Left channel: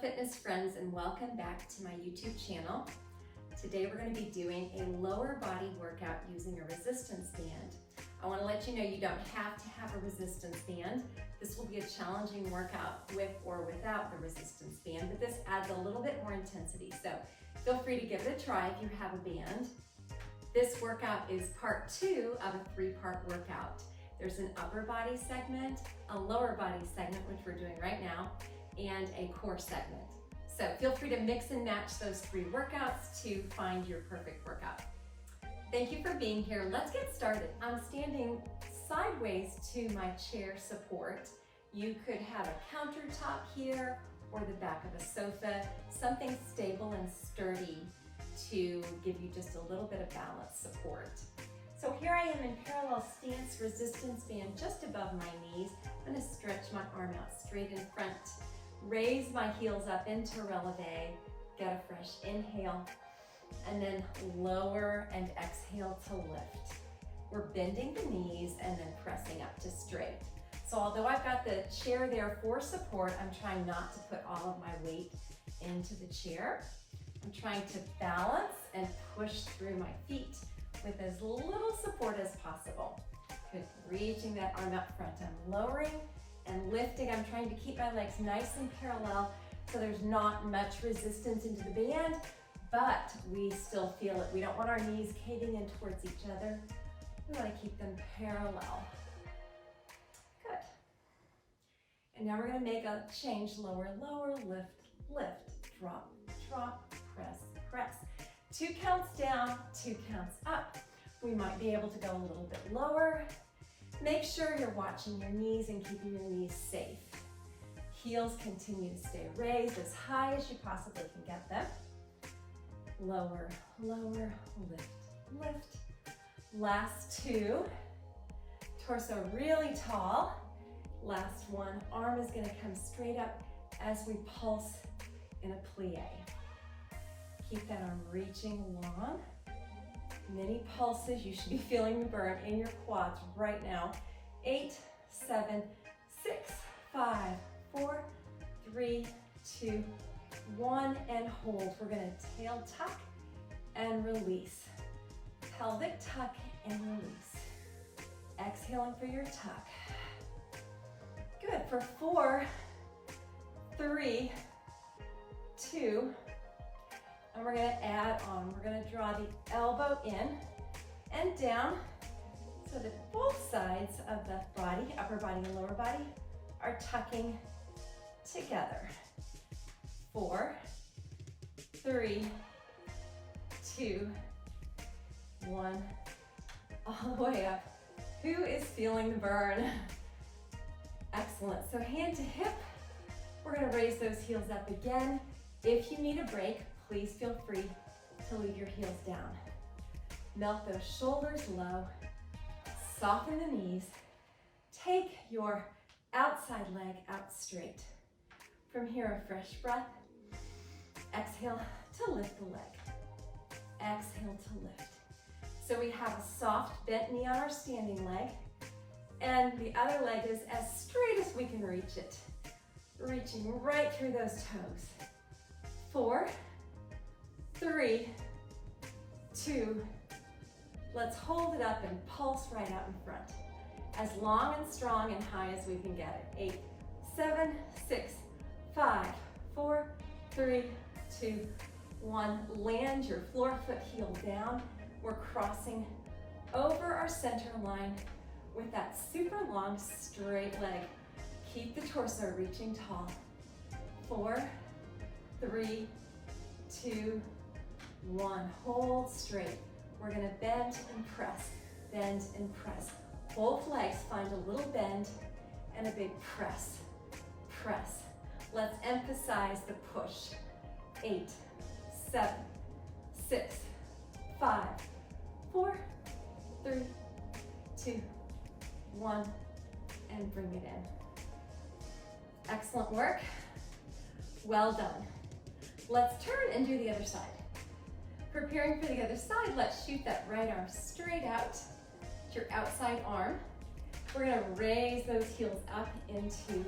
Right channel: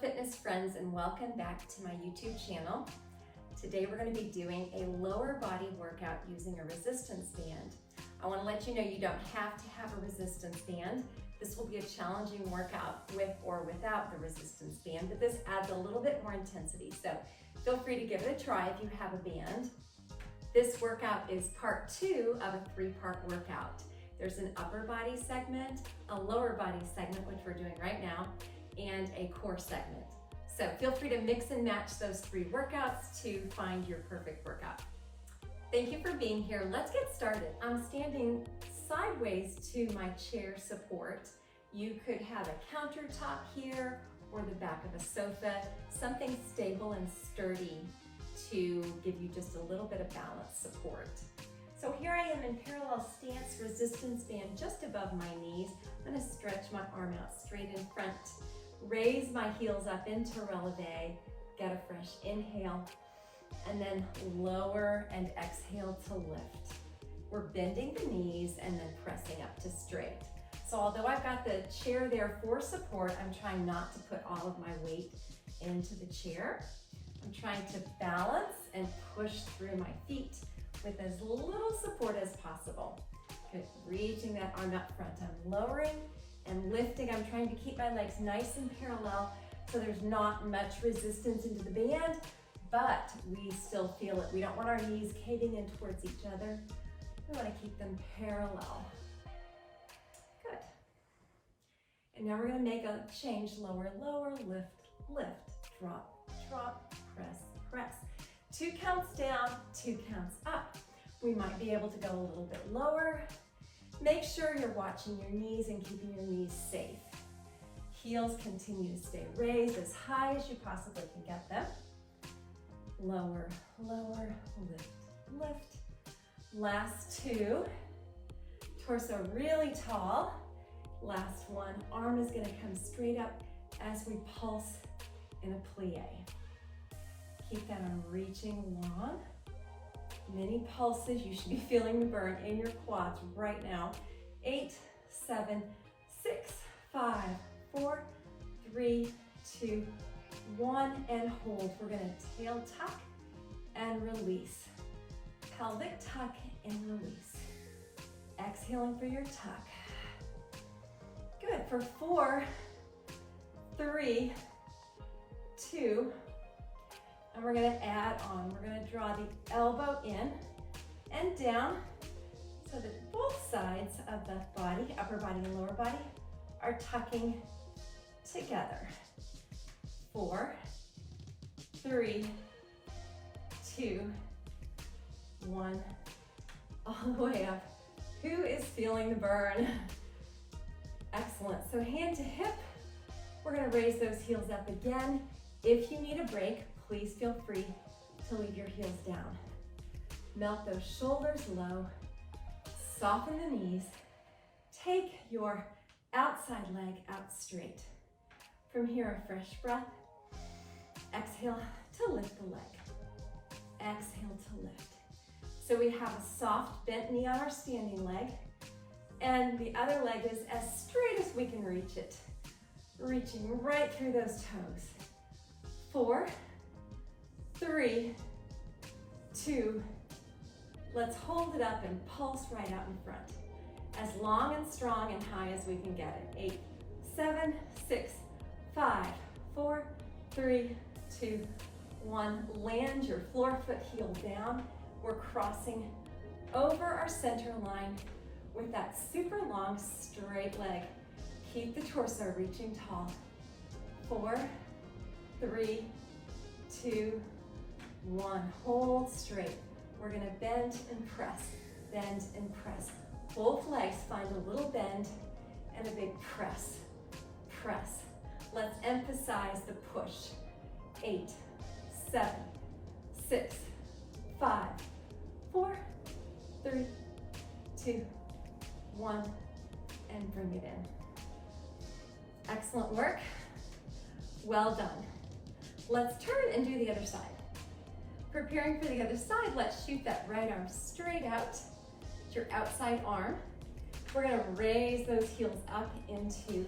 fitness friends, and welcome back to my YouTube channel. Today we're going to be doing a lower body workout using a resistance band. I want to let you know you don't have to have a resistance band. This will be a challenging workout with or without the resistance band, but this adds a little bit more intensity. So feel free to give it a try if you have a band. This workout is part 2 of a 3-part workout. There's an upper body segment, a lower body segment, which we're doing right now, and a core segment. So feel free to mix and match those 3 workouts to find your perfect workout. Thank you for being here. Let's get started. I'm standing sideways to my chair support. You could have a countertop here or the back of a sofa, something stable and sturdy to give you just a little bit of balance support. So here I am in parallel stance, resistance band just above my knees. I'm gonna stretch my arm out straight in front, raise my heels up into releve, get a fresh inhale, and then lower and exhale to lift. We're bending the knees and then pressing up to straight. So although I've got the chair there for support, I'm trying not to put all of my weight into the chair. I'm trying to balance and push through my feet with as little support as possible. Good, reaching that arm up front. I'm lowering and lifting. I'm trying to keep my legs nice and parallel so there's not much resistance into the band, but we still feel it. We don't want our knees caving in towards each other. We want to keep them parallel. Good. And now we're going to make a change. Lower, lower, lift, lift, drop, drop, press, press. 2 counts down, 2 counts up. We might be able to go a little bit lower. Make sure you're watching your knees and keeping your knees safe. Heels continue to stay raised as high as you possibly can get them. Lower, lower, lift, lift. Last 2. Torso really tall. Last 1. Arm is going to come straight up as we pulse in a plie. Keep that arm reaching long. Many pulses. You should be feeling the burn in your quads right now. 8, 7, 6, 5, 4, 3, 2, 1, and hold. We're going to tail tuck and release. Pelvic tuck and release. Exhaling for your tuck. Good. For 4, 3, 2, and we're going to add on. We're going to draw the elbow in and down so that both sides of the body, upper body and lower body, are tucking together. 4, 3, 2, 1, all the way up. Who is feeling the burn? Excellent. So hand to hip. We're going to raise those heels up again. If you need a break, please feel free to leave your heels down. Melt those shoulders low. Soften the knees. Take your outside leg out straight. From here, a fresh breath. Exhale to lift the leg. Exhale to lift. So we have a soft bent knee on our standing leg, and the other leg is as straight as we can reach it. Reaching right through those toes. 4, 3, 2, let's hold it up and pulse right out in front. As long and strong and high as we can get it. 8, 7, 6, 5, 4, 3, 2, 1. Land your floor foot heel down. We're crossing over our center line with that super long straight leg. Keep the torso reaching tall. 4, 3, 2, 1. Hold straight. We're going to bend and press, bend and press. Both legs find a little bend and a big press, press. Let's emphasize the push. 8, 7, 6, 5, 4, 3, 2, 1, and bring it in. Excellent work. Well done. Let's turn and do the other side. Preparing for the other side, let's shoot that right arm straight out. Your outside arm. We're gonna raise those heels up into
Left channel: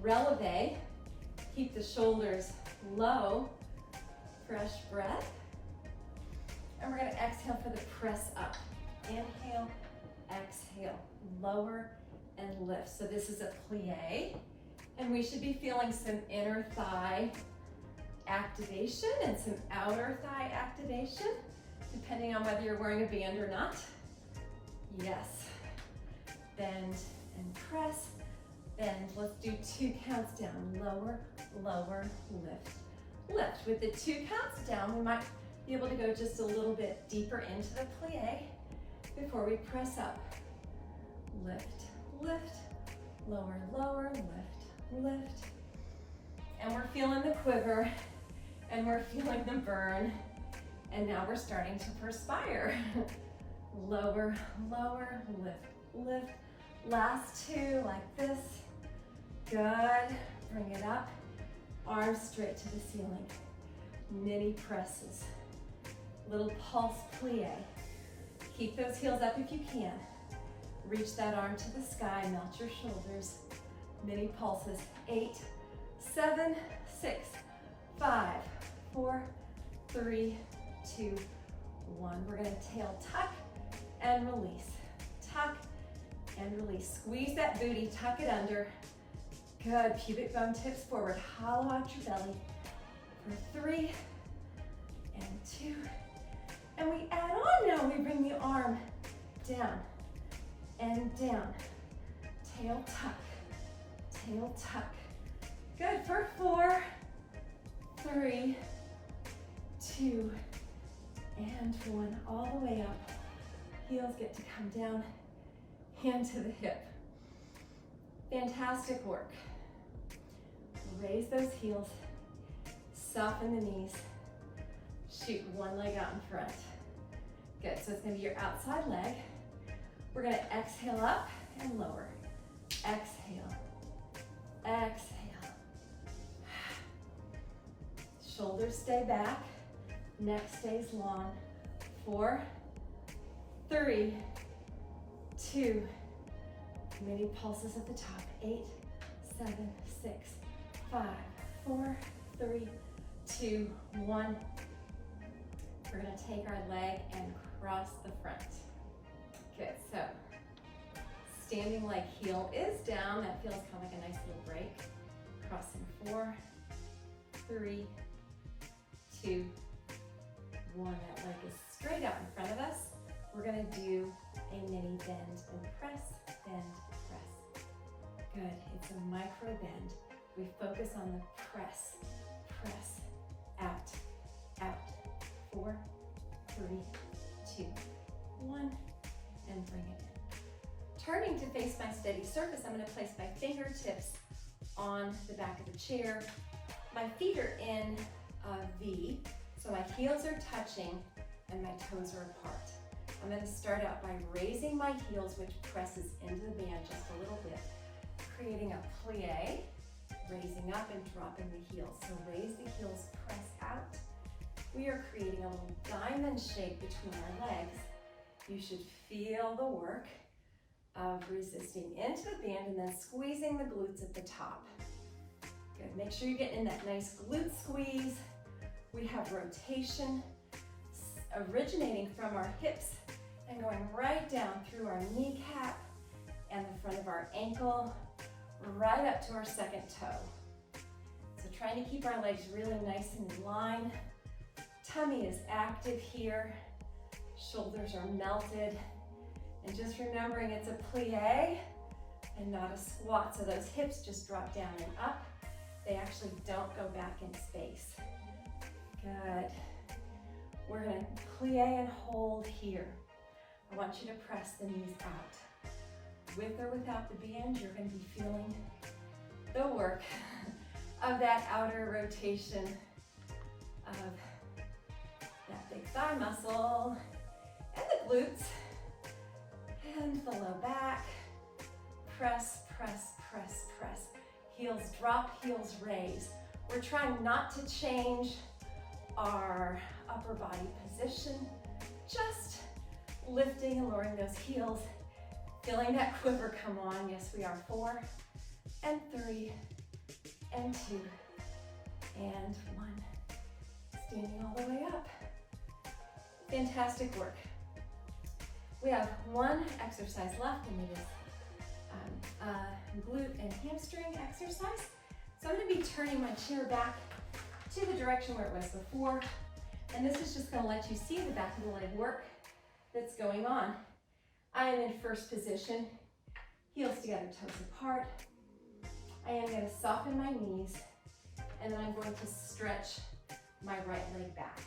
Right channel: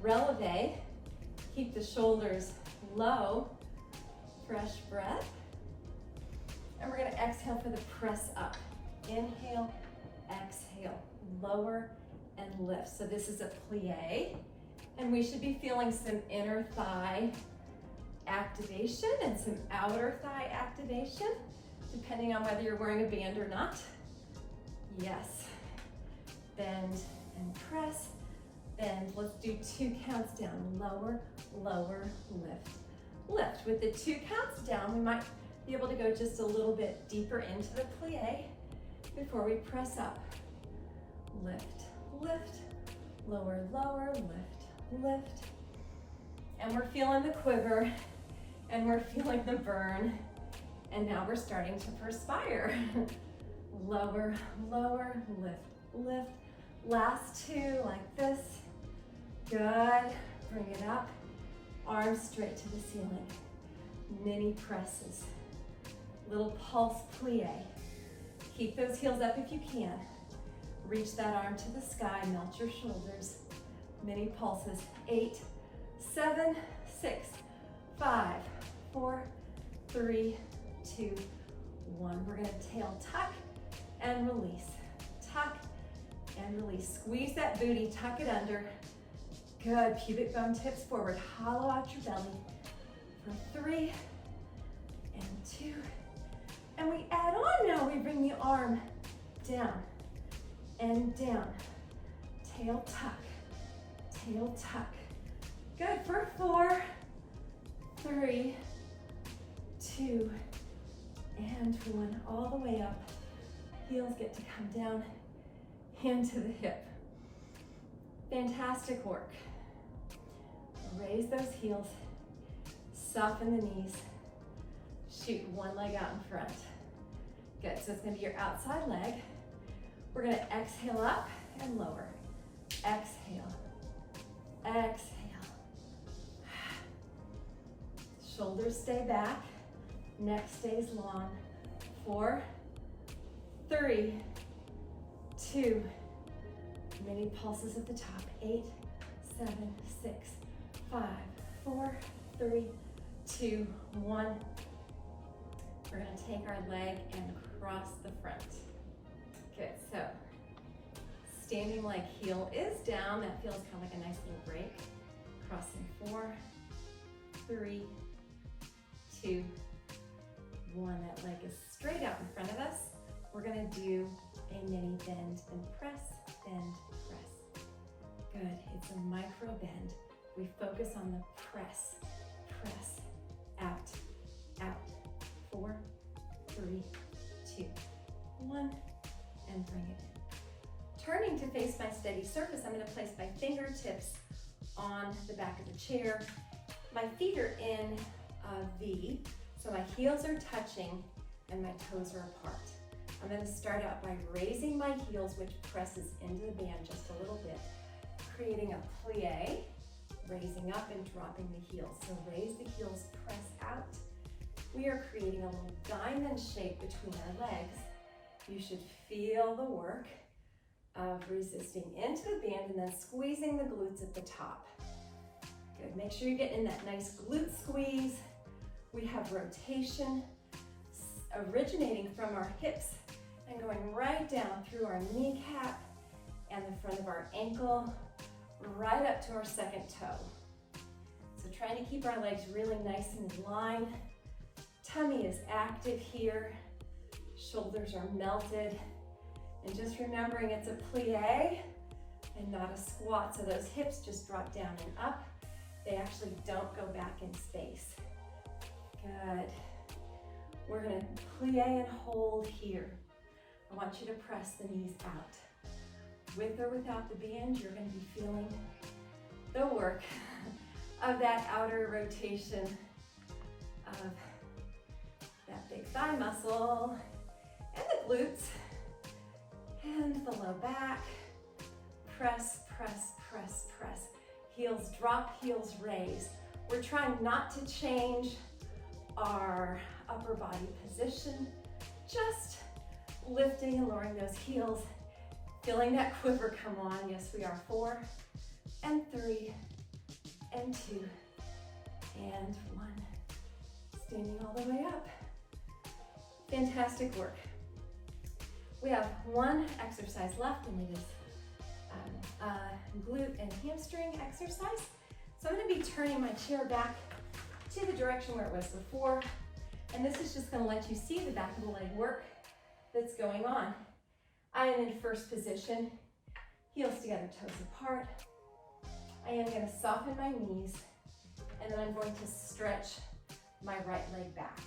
releve Keep the shoulders low. Fresh breath. And we're gonna exhale for the press up. Inhale, exhale, lower and lift. So this is a plie, and we should be feeling some inner thigh activation and some outer thigh activation, depending on whether you're wearing a band or not. Yes. Bend and press, bend. Let's do 2 counts down. Lower, lower, lift. Lift. With the 2 counts down, we might be able to go just a little bit deeper into the plie before we press up. Lift, lift, lower, lower, lift, lift. And we're feeling the quiver, and we're feeling the burn, and now we're starting to perspire. Lower, lower, lift, lift. Last 2 like this. Good. Bring it up. Arms straight to the ceiling. Mini presses. Little pulse plie. Keep those heels up if you can. Reach that arm to the sky. Melt your shoulders. Mini pulses. 8, 7, 6, 5, 4, 3, 2, 1. We're gonna tail tuck and release. Tuck and release. Squeeze that booty, tuck it under. Good, pubic bone tips forward. Hollow out your belly for 3 and 2. And we add on now. We bring the arm down and down. Tail tuck, tail tuck. Good, for 4, 3, 2, and 1. All the way up. Heels get to come down, hand to the hip. Fantastic work. Raise those heels, soften the knees, shoot one leg out in front. Good, so it's gonna be your outside leg. We're gonna exhale up and lower. Exhale, exhale. Shoulders stay back, neck stays long. 4, 3, 2, mini pulses at the top. 8, 7, 6, 5, 4, 3, 2, 1. We're gonna take our leg and cross the front. Good, so standing leg heel is down. That feels kind of like a nice little break. Crossing. 4, 3, 2, 1. That leg is straight out in front of us. We're gonna do a mini bend and press, bend, press. Good, it's a micro bend. We focus on the press, press, out, out. 4, 3, 2, 1, and bring it in. Turning to face my steady surface, I'm gonna place my fingertips on the back of the chair. My feet are in a V, so my heels are touching and my toes are apart. I'm gonna start out by raising my heels, which presses into the band just a little bit, creating a plie, raising up and dropping the heels. So raise the heels, press out. We are creating a little diamond shape between our legs. You should feel the work of resisting into the band and then squeezing the glutes at the top. Good, make sure you're getting in that nice glute squeeze. We have rotation originating from our hips and going right down through our kneecap and the front of our ankle, right up to our second toe. So trying to keep our legs really nice and in line. Tummy is active here. Shoulders are melted. And just remembering it's a plie and not a squat. So those hips just drop down and up. They actually don't go back in space. Good. We're gonna plie and hold here. I want you to press the knees out. With or without the band, you're gonna be feeling the work of that outer rotation of that big thigh muscle and the glutes and the low back. Press, press, press, press. Heels drop, heels raise. We're trying not to change our upper body position, just lifting and lowering those heels, feeling that quiver come on. Yes, we are. 4 and 3 and 2 and 1. Standing all the way up. Fantastic work. We have one exercise left, and it is glute and hamstring exercise. So I'm going to be turning my chair back to the direction where it was before, and this is just going to let you see the back of the leg work that's going on. I am in first position, heels together, toes apart. I am going to soften my knees, and then I'm going to stretch my right leg back.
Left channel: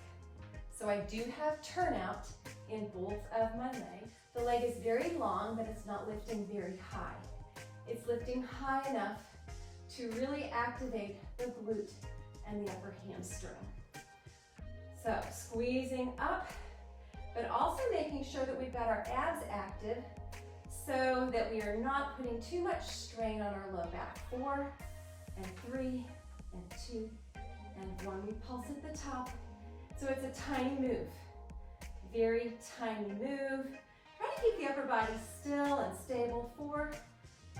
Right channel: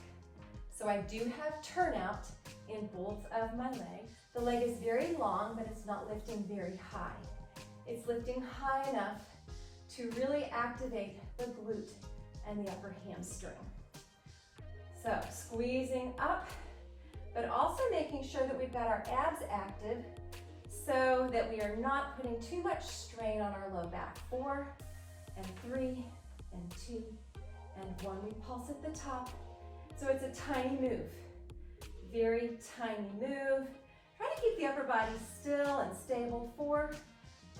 So I do have turnout in both of my legs. The leg is very long, but it's not lifting very high. It's lifting high enough to really activate the glute and the upper hamstring. So squeezing up, but also making sure that we've got our abs active so that we are not putting too much strain on our low back. 4 and 3 and 2 and 1. We pulse at the top. So it's a tiny move, very tiny move. Try to keep the upper body still and stable. 4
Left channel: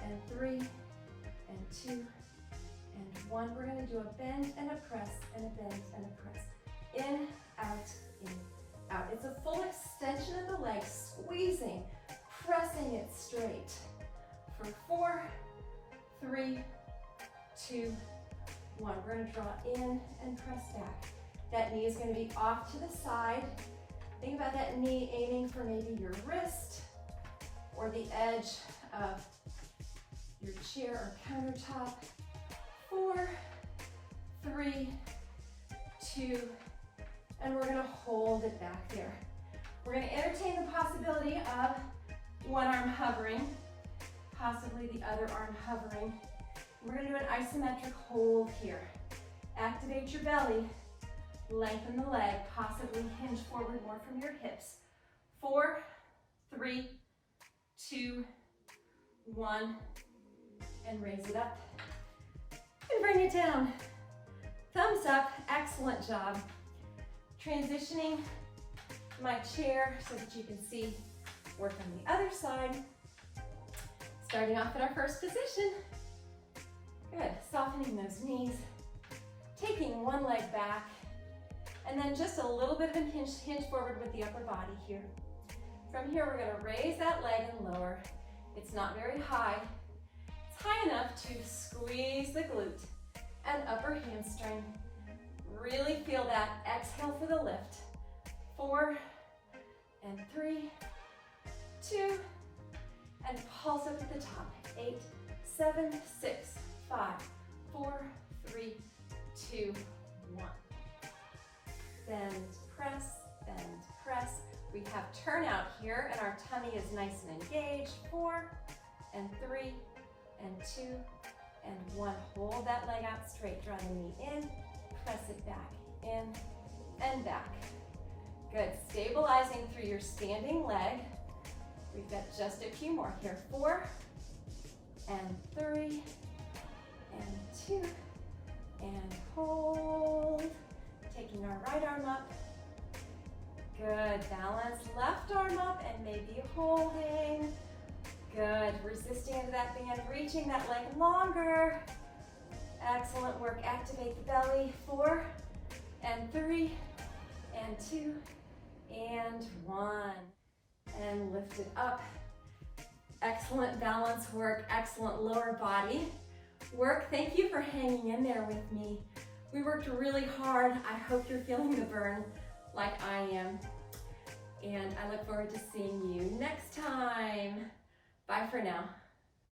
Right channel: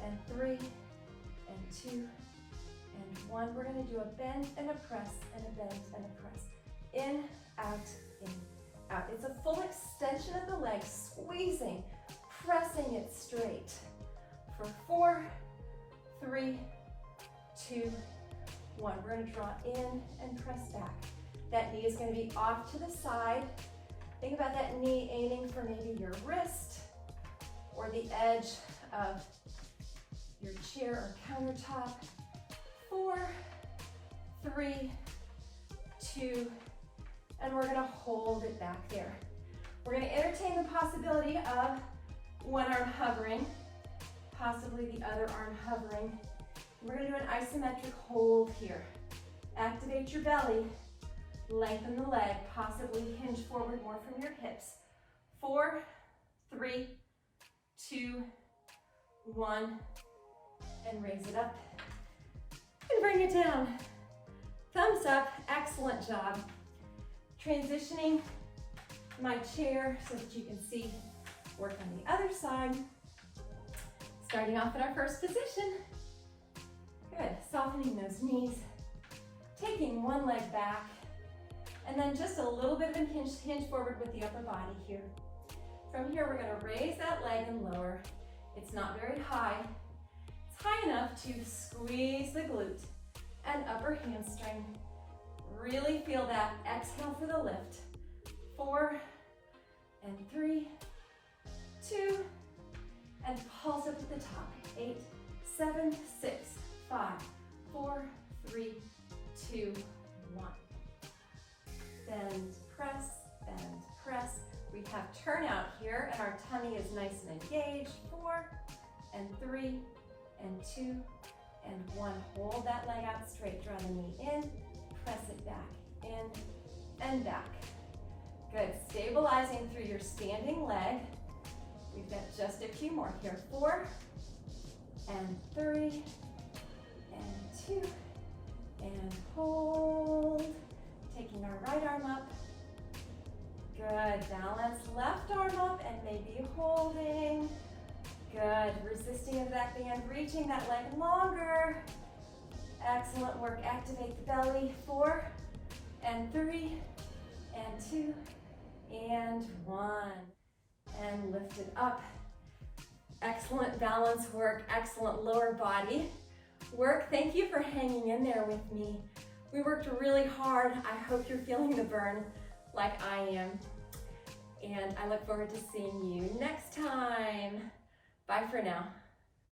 and 3 and 2 and 1. We're going to do a bend and a press and a bend and a press. In, out, out. It's a full extension of the leg, squeezing, pressing it straight. For 4, 3, 2, 1. We're going to draw in and press back. That knee is going to be off to the side. Think about that knee aiming for maybe your wrist or the edge of your chair or countertop. 4, 3, 2, and we're going to hold it back there. We're going to entertain the possibility of one arm hovering, possibly the other arm hovering. We're going to do an isometric hold here. Activate your belly, lengthen the leg, possibly hinge forward more from your hips. 4, 3, 2, 1, and raise it up and bring it down. Thumbs up, excellent job. Transitioning my chair so that you can see work on the other side. Starting off in our first position. Good, softening those knees, taking one leg back, and then just a little bit of a hinge forward with the upper body here. From here, we're gonna raise that leg and lower. It's not very high. It's high enough to squeeze the glute and upper hamstring. Really feel that. Exhale for the lift. 4 and 3, 2, and pulse up at the top. 8, 7, 6, 5, 4, 3, 2, 1. Bend, press, bend, press. We have turnout here, and our tummy is nice and engaged. 4 and 3 and 2 and 1. Hold that leg out straight. Draw the knee in, press it back, in and back. Good. Stabilizing through your standing leg. We've got just a few more here. 4 and 3 and 2 and hold. Taking our right arm up. Good. Balance. Left arm up and maybe holding. Good. Resisting into that band. Reaching that leg longer. Excellent work. Activate the belly. 4 and 3 and 2 and 1. And lift it up. Excellent balance work. Excellent lower body work. Thank you for hanging in there with me. We worked really hard. I hope you're feeling the burn like I am. And I look forward to seeing you next time. Bye for now.